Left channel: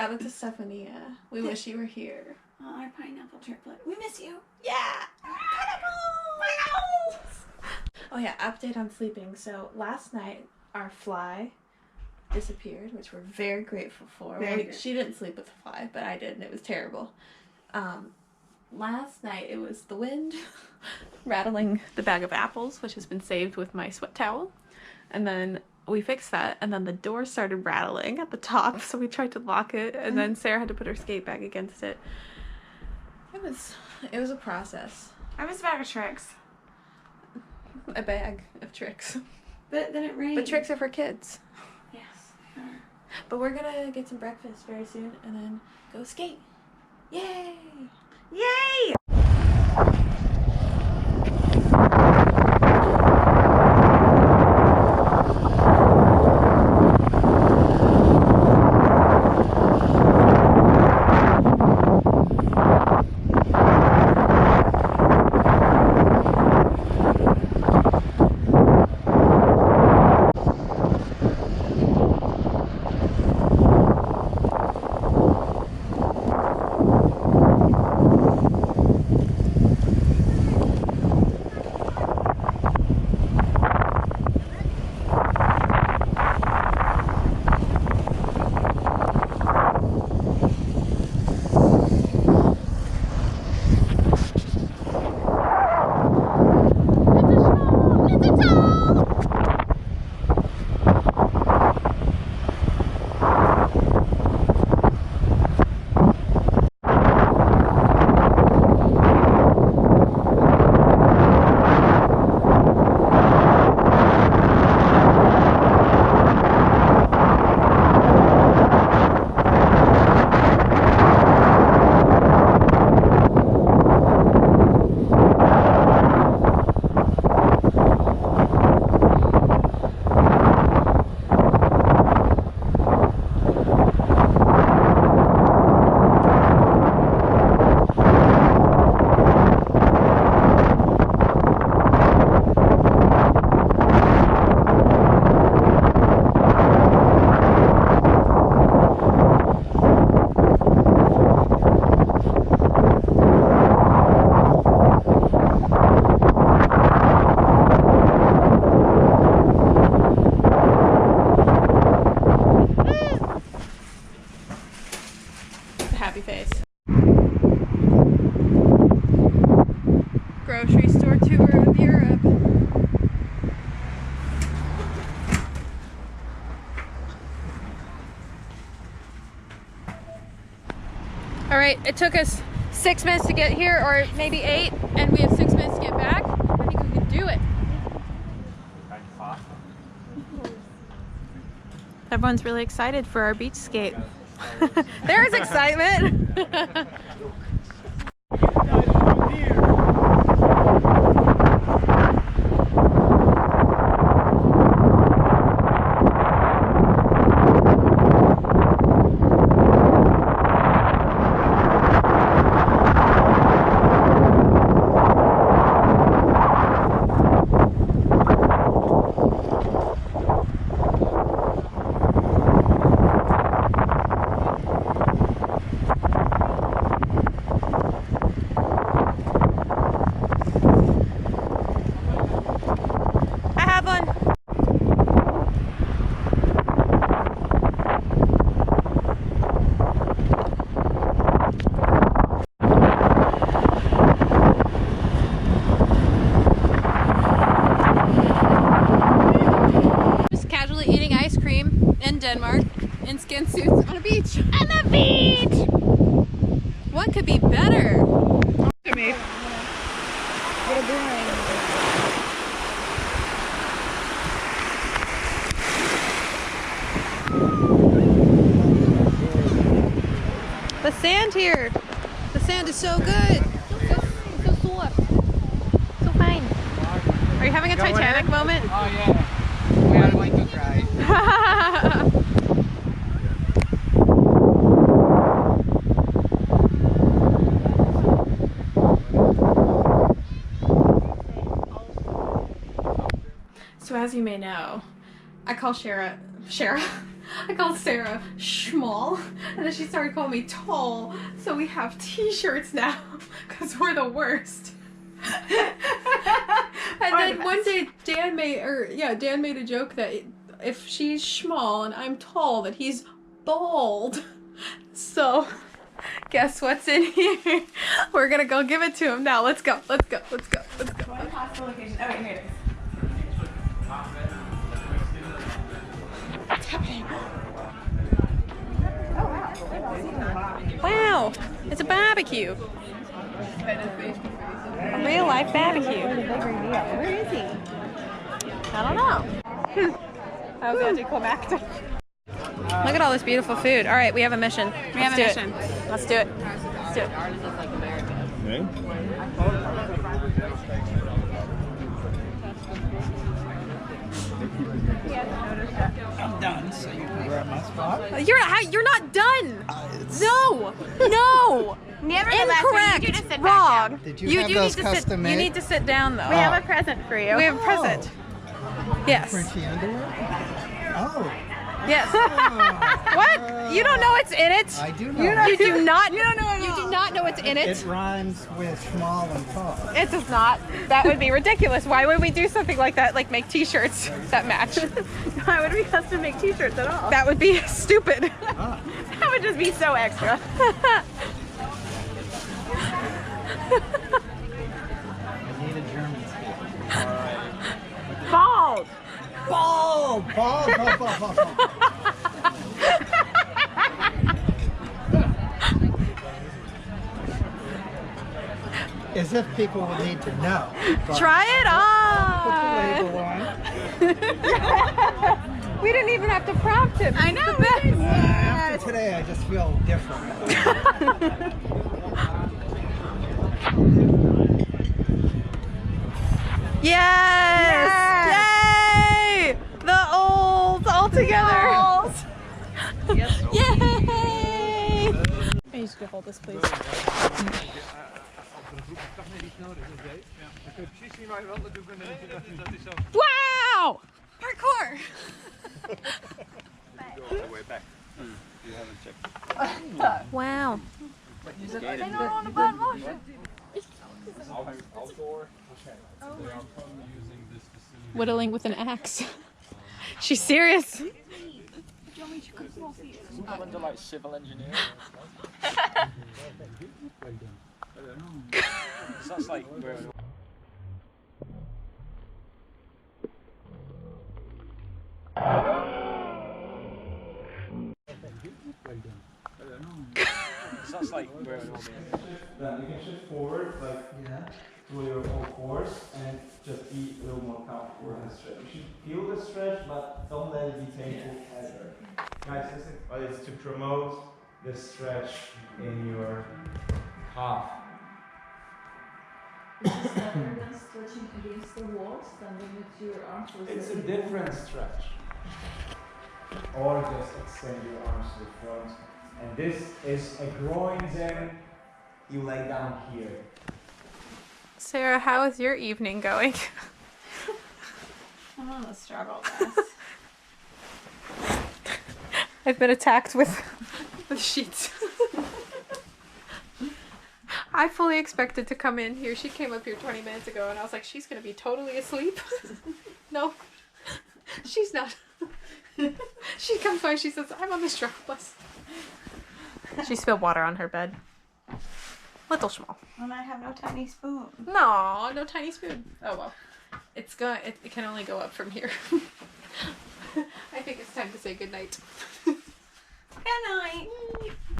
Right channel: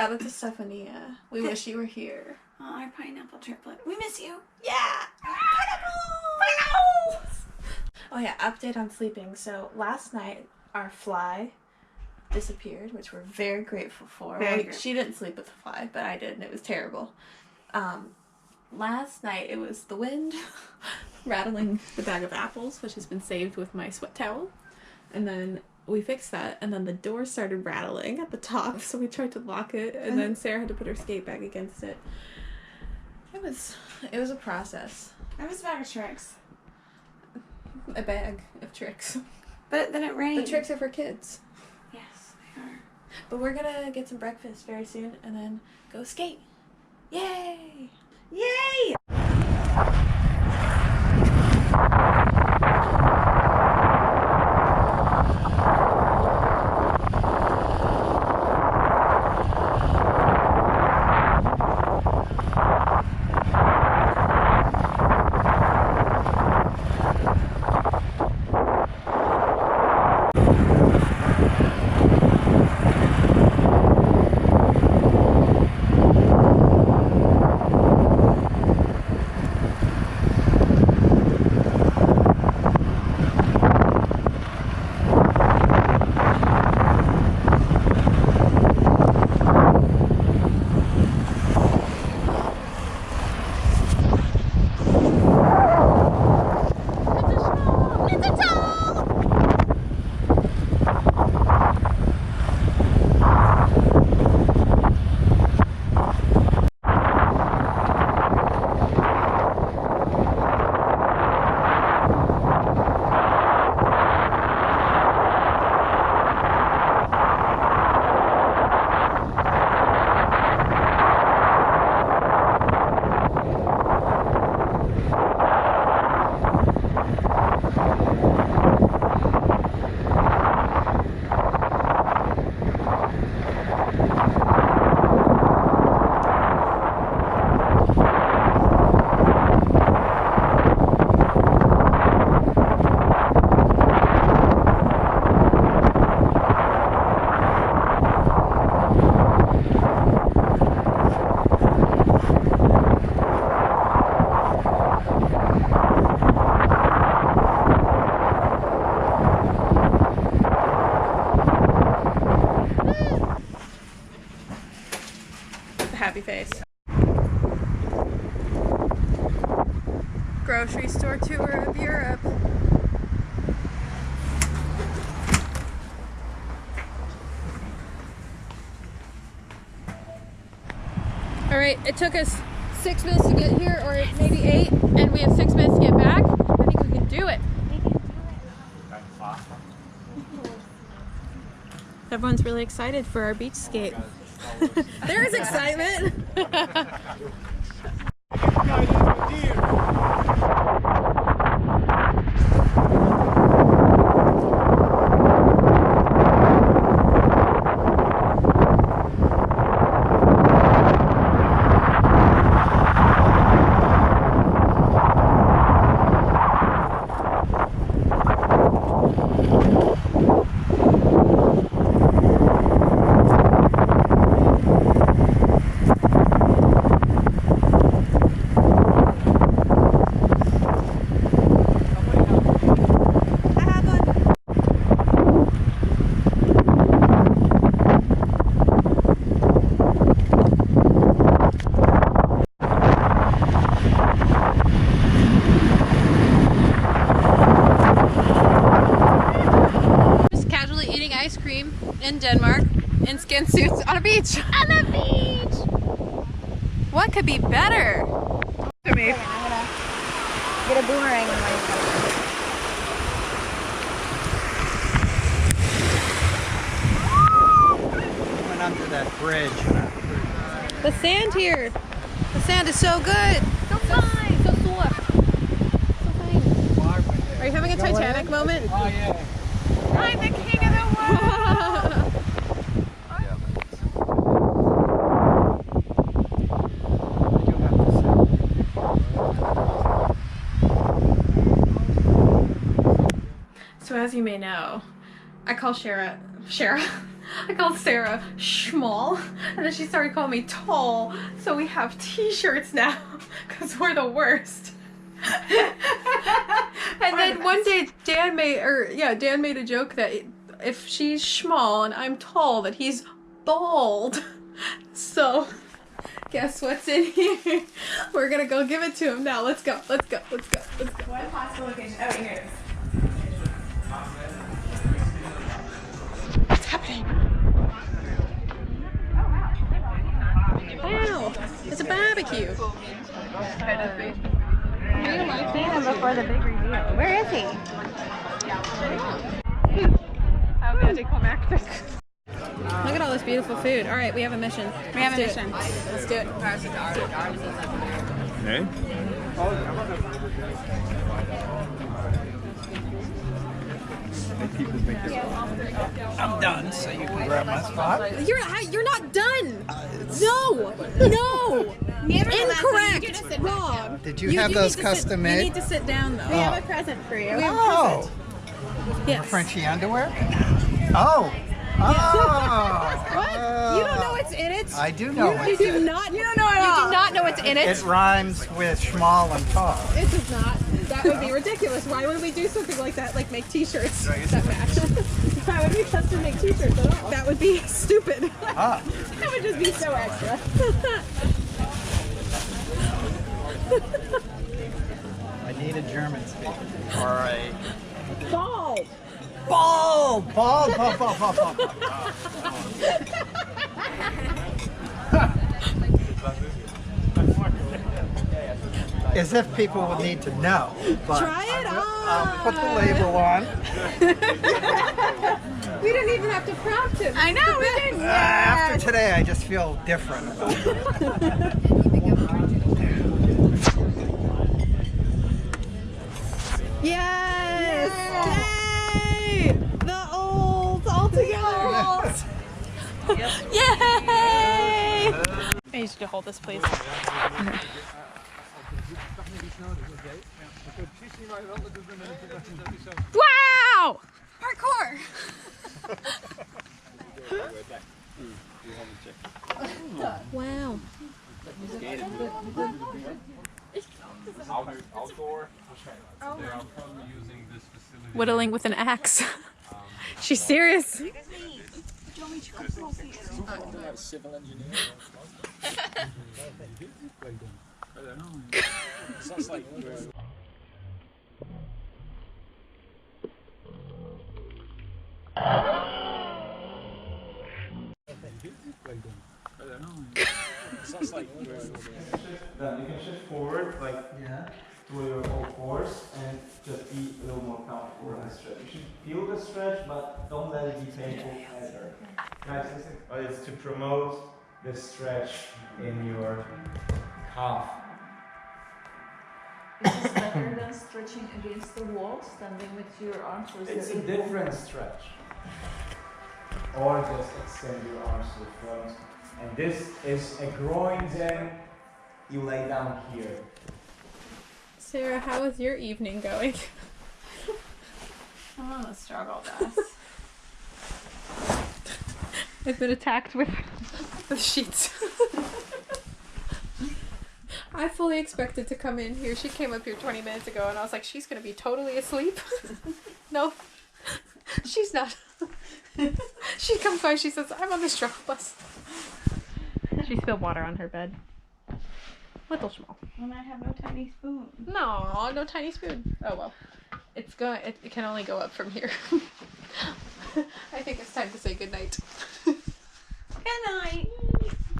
Shout out to Stephania. We wish you were here. Oh, our pineapple triplet. We miss you. Yeah! Pineapples! Oh yeah, update on sleeping. So last night, our fly disappeared, which we're very grateful for. She didn't sleep with the fly, but I did, and it was terrible. Last night, it was the wind rattling the bag of apples, which has been saved with my sweat towel. And then we fixed that, and then the door started rattling at the top, so we tried to lock it, and then Sarah had to put her skate bag against it. It was a process. I was a bag of tricks. A bag of tricks. But then it rained. The tricks are for kids. Yes, they are. But we're gonna get some breakfast very soon, and then go skate. Yay! Yay! Happy face. Grocery store tour of Europe. All right, it took us 6 minutes to get here, or maybe 8, and we have 6 minutes to get back. I think we can do it. Everyone's really excited for our beach skate. There's excitement. Eating ice cream in Denmark in skin suits on a beach. On the beach! What could be better? To me. Get a boomerang. Went under that bridge. The sand here. The sand is so good. So fine. So soft. So fine. Are you having a Titanic moment? Oh yeah. Yeah, I went to try. So as you may know, I call Shara I called Sarah small, and then she started calling me tall. So we have t-shirts now because we're the worst. And then one day Dan made a joke that if she's small and I'm tall, that he's bald. So guess what's in here? We're gonna go give it to him now. Let's go. Let's go. Let's go. Let's go. What possible location? Oh, here it is. What's happening? Oh wow! Wow! It's a barbecue. Real life man before the big reveal. Where is he? I don't know. That was anticlimactic. Look at all this beautiful food. All right, we have a mission. We have a mission. Let's do it. Okay. I'm done, so you can grab my spot. You're not done. No. No. Incorrect. Wrong. Did you have those custom made? You need to sit down though. We have a present for you. We have a present. Yes. Frenchie underwear? Oh. Yes. Oh. What? You don't know what's in it? I do know. You do not. You don't know it. You do not know what's in it. It rhymes with small and tall. It does not. That would be ridiculous. Why would we do something like that? Like make t-shirts that match? Why would we custom make t-shirts at all? That would be stupid. Ah. That would just be so extra. I need a German speaker. Or a... Bald. Bald! Bald! Bald! Bald! Bald! Bald! As if people would need to know. But Try it I'll put the label on. We didn't even have to prompt him. I know, we didn't. After today, I just feel different. Yes! Yay! The olds all together. Yay! I need you to hold this, please. Wow! Parkour! Wow. Whittling with an axe. She's serious. Civil engineer. Sounds like sounds like Then you can shift forward, like to your whole force, and just be a little more comfortable in the stretch. You should feel the stretch, but don't let it be painful either. Guys, listen, it's to promote the stretch in your calf. Is this better than stretching against the wall, standing with your arms? Or is It's a it different stretch. Or just extend your arms to the front. And this is a groin zen. You lay down here. Sarah, how is your evening going? I'm on a struggle bus. I've been attacked with sheets. I fully expected to come in here. She came up here 20 minutes ago and I was like, she's gonna be totally asleep. No, she's not. She comes by, she says, I'm on the struggle bus. She spilled water on her bed. Little small. And I have no tiny spoon. No, no tiny spoon. Oh well. It can only go up from here.